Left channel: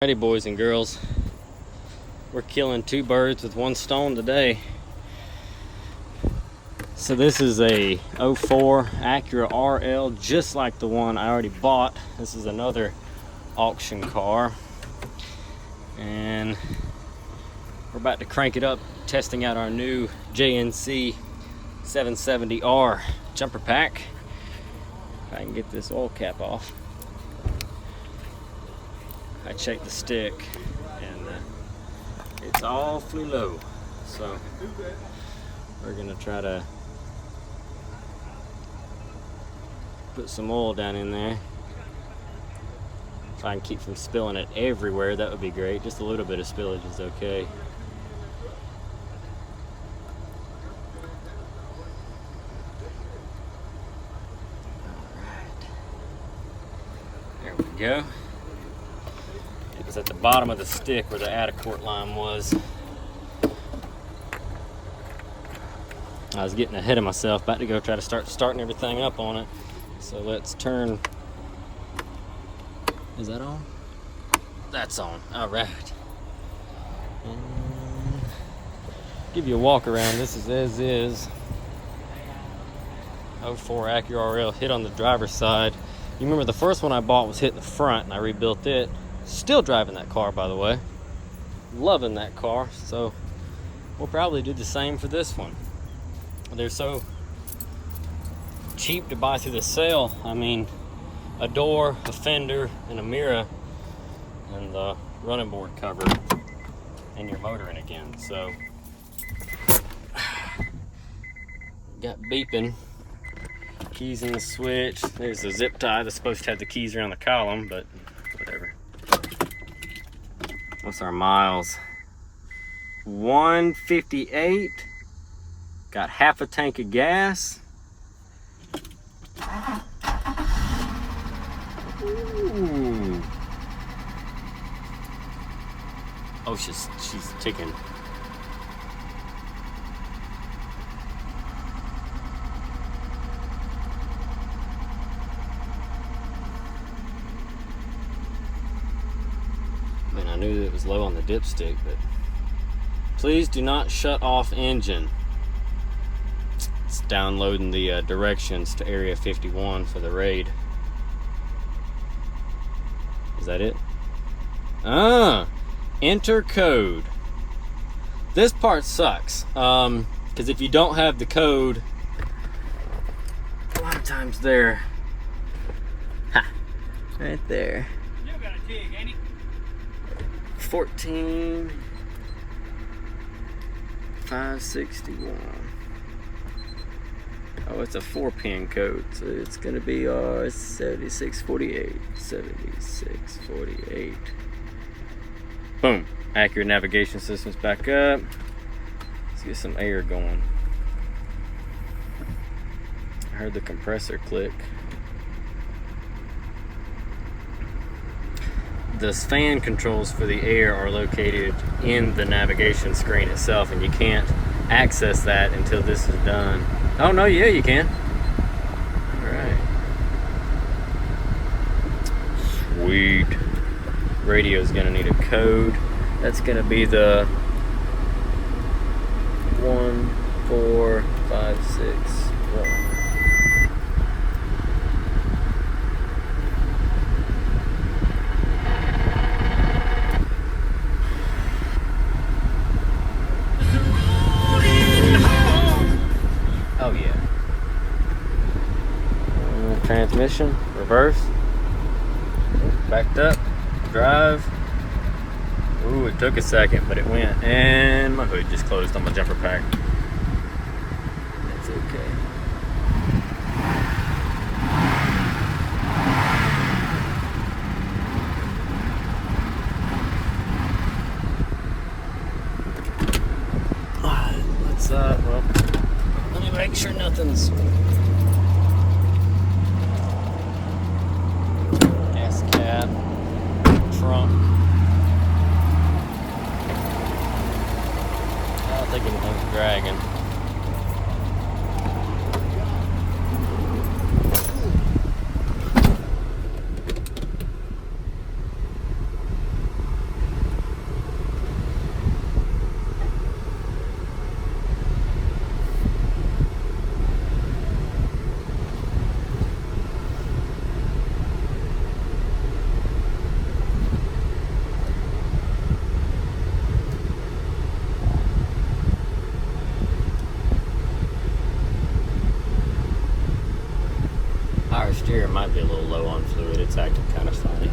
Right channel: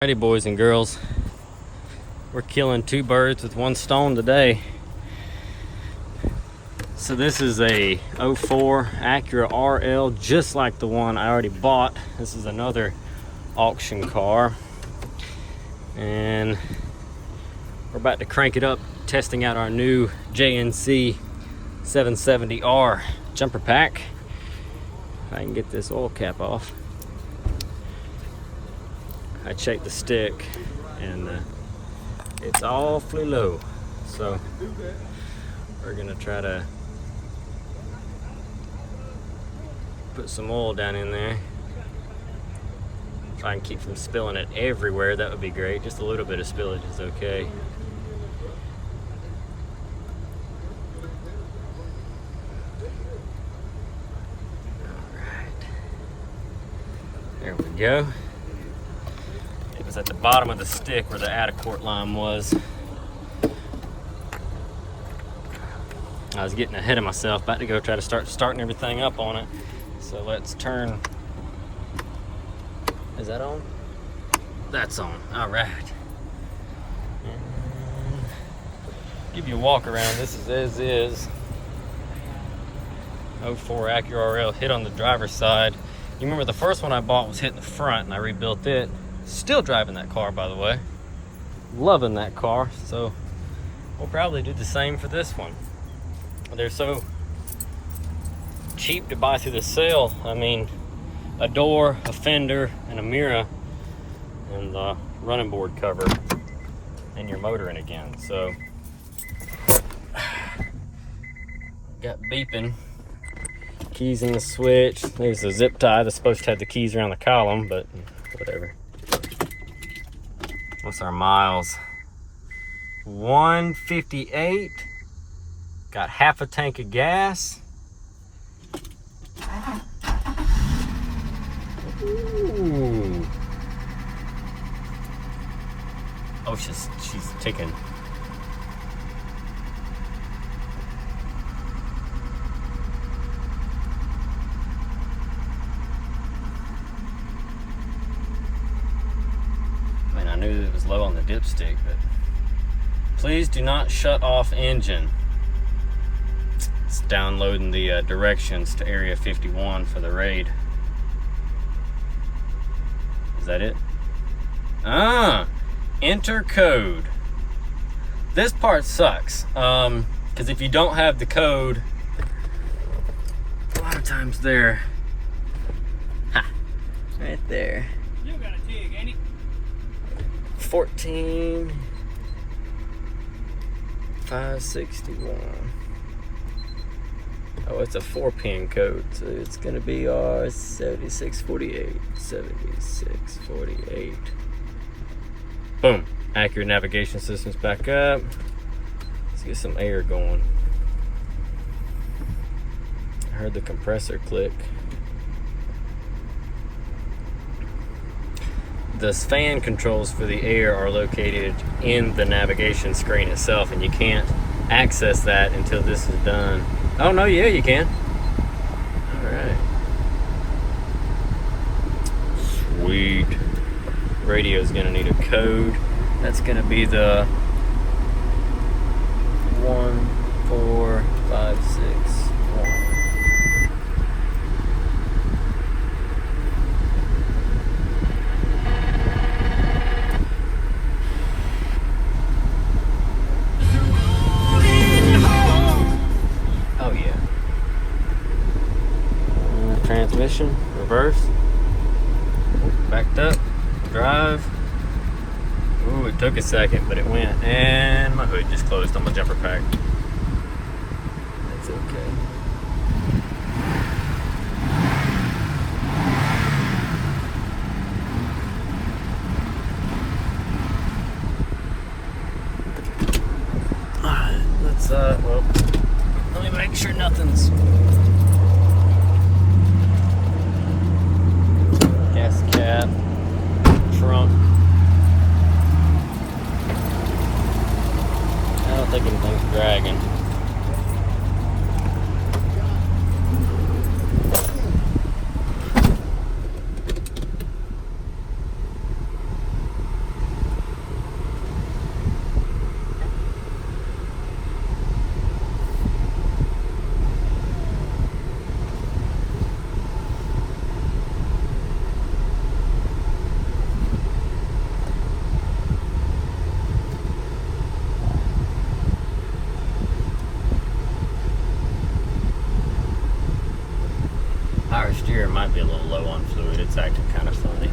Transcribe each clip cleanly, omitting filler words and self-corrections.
Alrighty, boys and girls, we're killing two birds with one stone today. So this is a 04 Acura RL, just like the one I already bought. This is another auction car, and we're about to crank it up, testing out our new JNC 770R jumper pack. If I can get this oil cap off. I checked the stick and it's awfully low, so we're gonna try to put some oil down in there so I can keep from spilling it everywhere. That would be great. Just a little bit of spillage is okay. Alright, there we go. It was at the bottom of the stick where the out-of-court line was. I was getting ahead of myself, about to go try to starting everything up on it. So let's turn. Is that on? That's on. All right. Give you a walk around. This is as is. 04 Acura RL, hit on the driver's side. You remember the first one I bought was hit in the front, and I rebuilt it. Still driving that car, by the way. Loving that car. So we'll probably do the same for this one. They're so cheap to buy through the sale. I mean, a door, a fender, and a mirror, and the running board cover, and your motor in again. So got beeping. Keys in the switch. There's a zip tie that's supposed to have the keys around the column, but whatever. What's our miles? 158. Got half a tank of gas. Ooh. Oh, she's ticking. I knew it was low on the dipstick, but please do not shut off engine. It's downloading the directions to Area 51 for the raid. Is that it? Enter code. This part sucks, because if you don't have the code, a lot of times they're right there. 14 561. Oh, it's a 4-pin code, so it's gonna be our 7648. 7648. Boom. Accurate navigation system's back up. Let's get some air going. I heard the compressor click. The fan controls for the air are located in the navigation screen itself, and you can't access that until this is done. Oh no, yeah, you can. All right. Sweet. Radio's gonna need a code. That's gonna be the 14561. Transmission, reverse, backed up, drive. Ooh, it took a second, but it went, and my hood just closed on my jumper pack. It's okay. Let's well, let me make sure nothing's dragging. It might be a little low on fluid. It's acting kind of funny.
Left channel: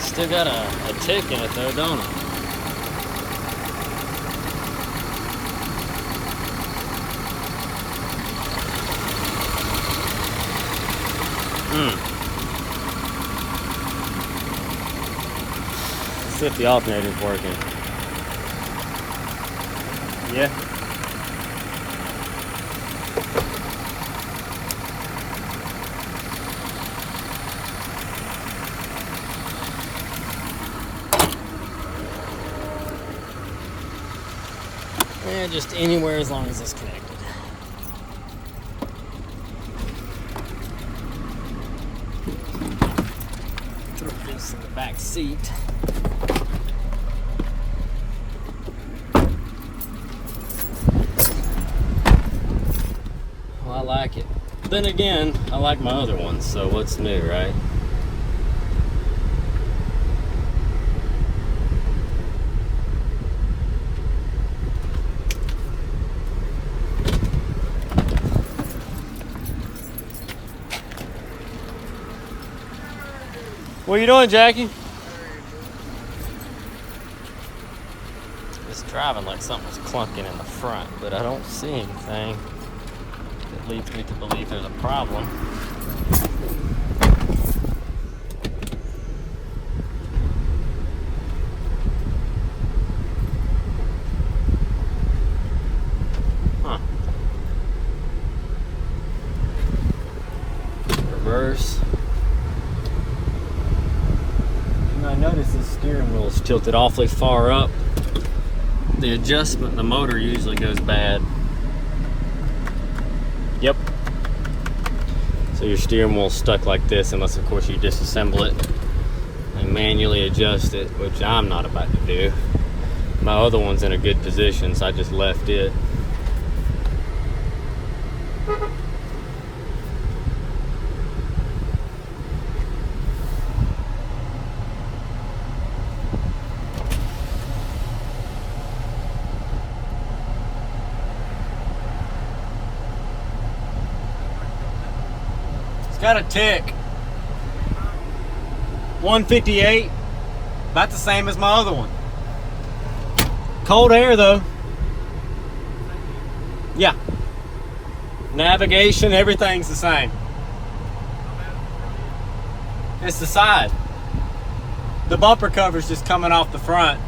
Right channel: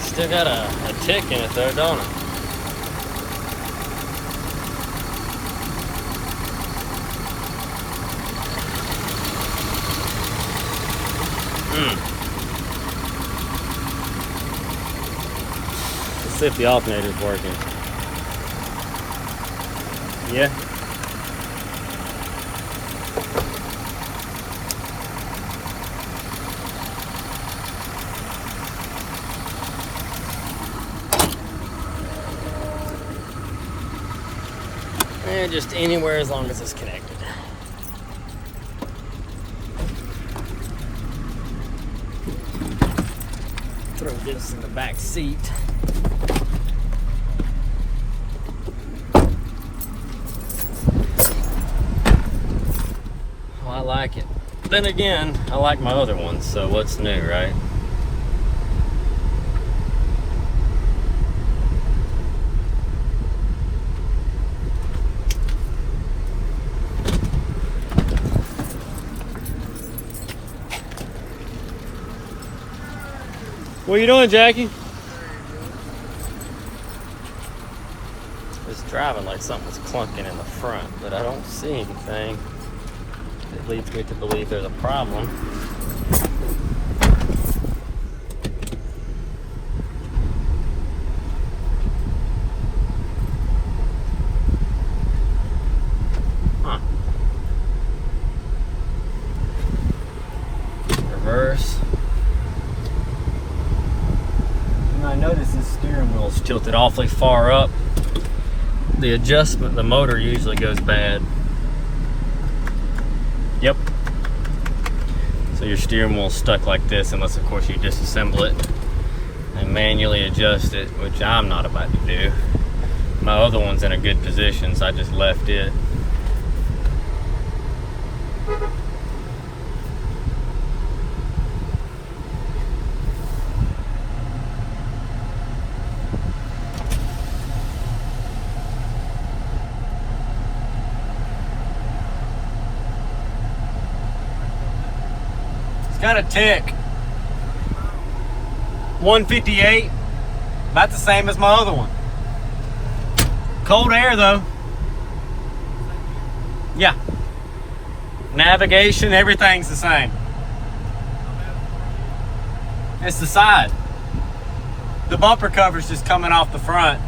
Still got a tick in it though, don't it? Let's see if the alternator's working. Yeah. Just anywhere as long as it's connected. Throw this in the back seat. Well, I like it. Then again, I like my other ones, so what's new, right? What are you doing, Jackie? It's driving like something's clunking in the front, but I don't see anything that leads me to believe there's a problem. Huh. Reverse. Notice this steering wheel is tilted awfully far up. The adjustment, the motor usually goes bad. Yep. So your steering wheel's stuck like this, unless of course you disassemble it and manually adjust it, which I'm not about to do. My other one's in a good position, so I just left it. Got a tick. 158. Not the same as my other one. Cold air though. Yeah. Navigation, everything's the same. It's the side. The bumper cover's just coming off the front.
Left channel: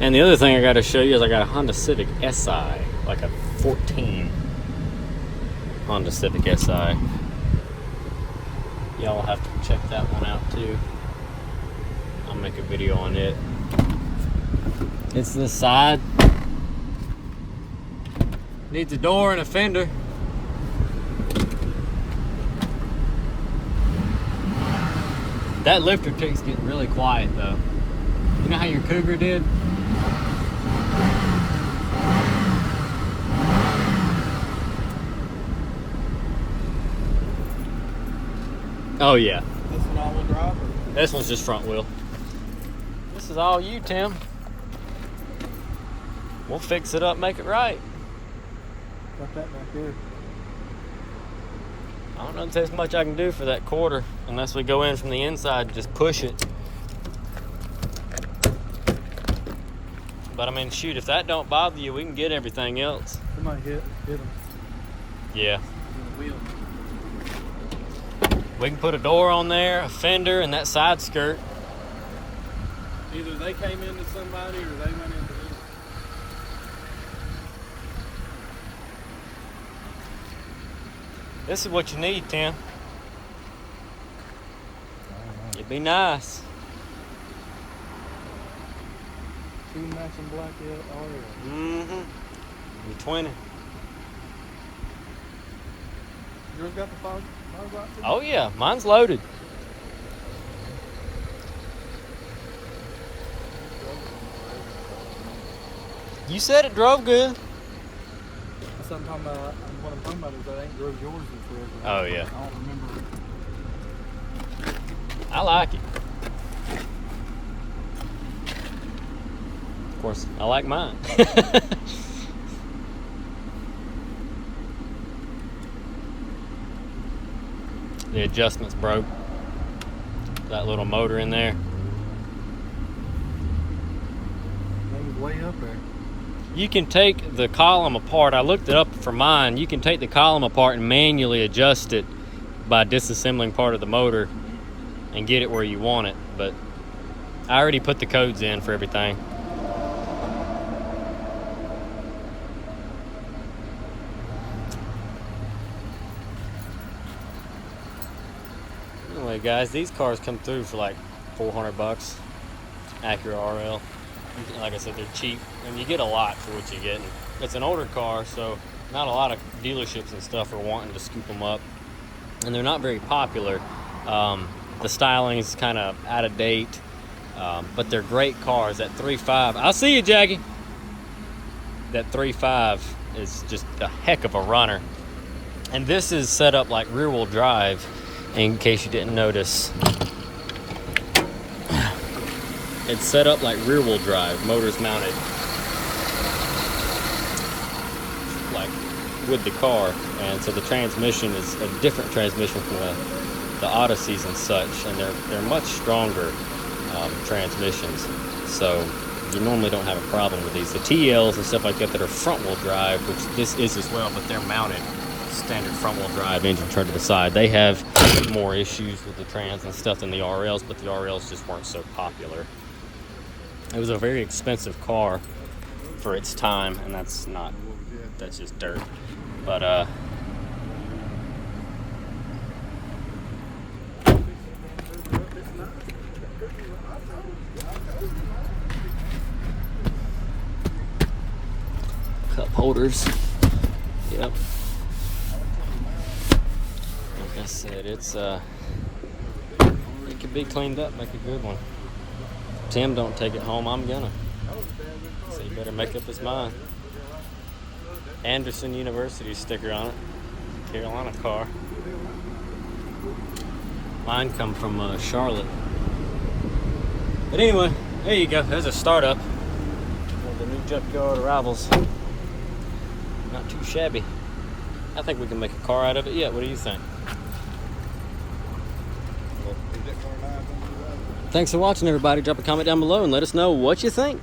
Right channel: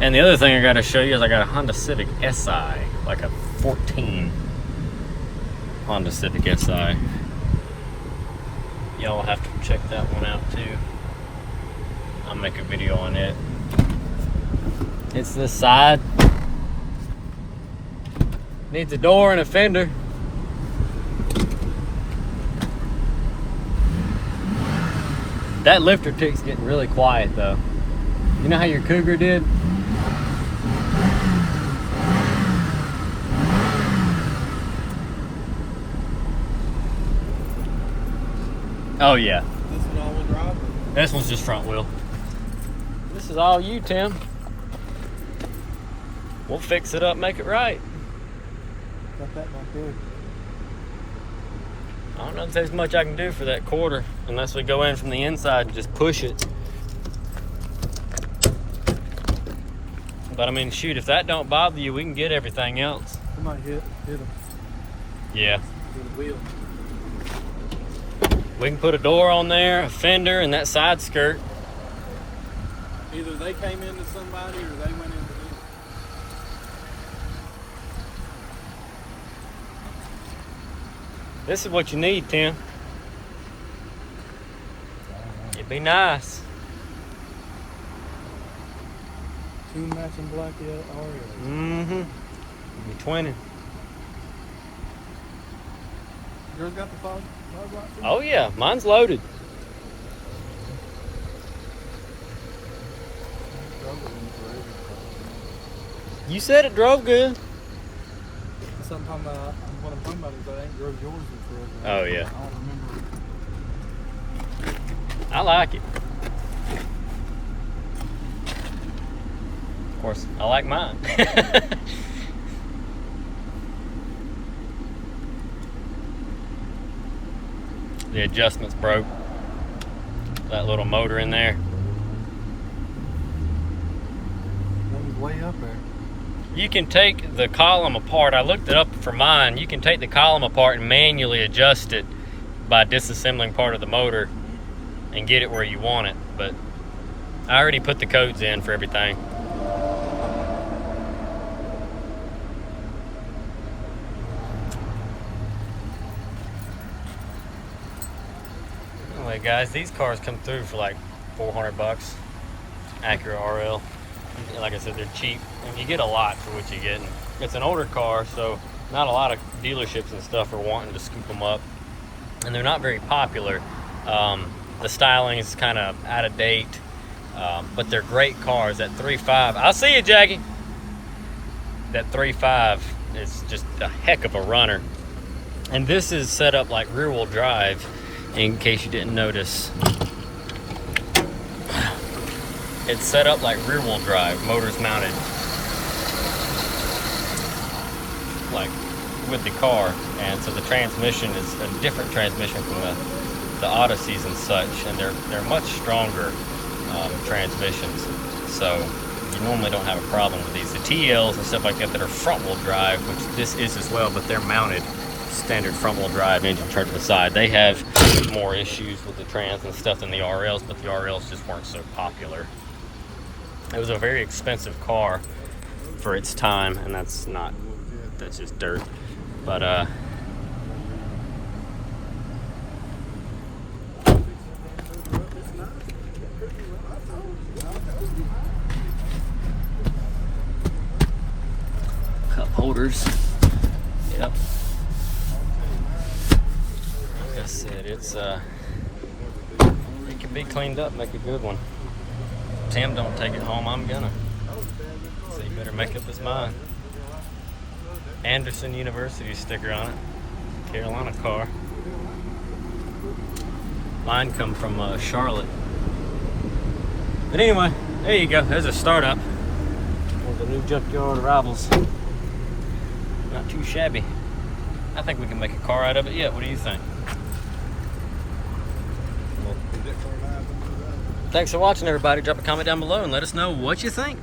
And the other thing I got to show you is I got a Honda Civic Si, like a 14 Honda Civic Si. Y'all will have to check that one out too. I'll make a video on it. It's this side. Needs a door and a fender. That lifter tick's getting really quiet though. You know how your Cougar did? Oh yeah. This one all-wheel drive? This one's just front wheel. This is all you, Tim. We'll fix it up, make it right. Got that back there. I don't know if there's much I can do for that quarter unless we go in from the inside and just push it. But I mean, shoot, if that don't bother you, we can get everything else. Somebody hit it. Yeah. Wheel. We can put a door on there, a fender, and that side skirt. Either they came into somebody or they went into them. This is what you need, Tim. It'd be nice. Two matching black yet. Mm-hmm. 20. Who's got the phone? Oh yeah, mine's loaded. You said it drove good. That's what I'm talking about. What I'm talking about is I ain't drove yours in forever. Oh, yeah. I don't remember. I like it. Of course, I like mine. The adjustments broke. That little motor in there. Thing's way up there. You can take the column apart. I looked it up for mine. You can take the column apart and manually adjust it by disassembling part of the motor and get it where you want it. But I already put the codes in for everything. Anyway, guys, these cars come through for like $400. Acura RL. Like I said, they're cheap, and you get a lot for what you get. It's an older car, so not a lot of dealerships and stuff are wanting to scoop them up, and they're not very popular. The styling is kind of out of date, but they're great cars. That 3.5, I'll see you, Jackie. That 3.5 is just a heck of a runner, and this is set up like rear-wheel drive. In case you didn't notice, it's set up like rear-wheel drive. Motor's mounted like with the car, and so the transmission is a different transmission from the Odysseys and such, and they're much stronger transmissions. So you normally don't have a problem with these. The TLs and stuff like that are front-wheel drive, which this is as well, but they're mounted standard front-wheel drive, engine turned to the side. They have more issues with the trans and stuff than the RLs, but the RLs just weren't so popular. It was a very expensive car for its time, and that's just dirt. But cup holders. Yep. Like I said, it can be cleaned up, make a good one. Tim don't take it home, I'm gonna. So he better make up his mind. Anderson University sticker on it. Carolina car. Mine come from Charlotte. But anyway, there you go. There's a startup. The new junkyard arrivals. Not too shabby. I think we can make a car out of it yet. What do you think? Thanks for watching, everybody. Drop a comment down below and let us know what you think.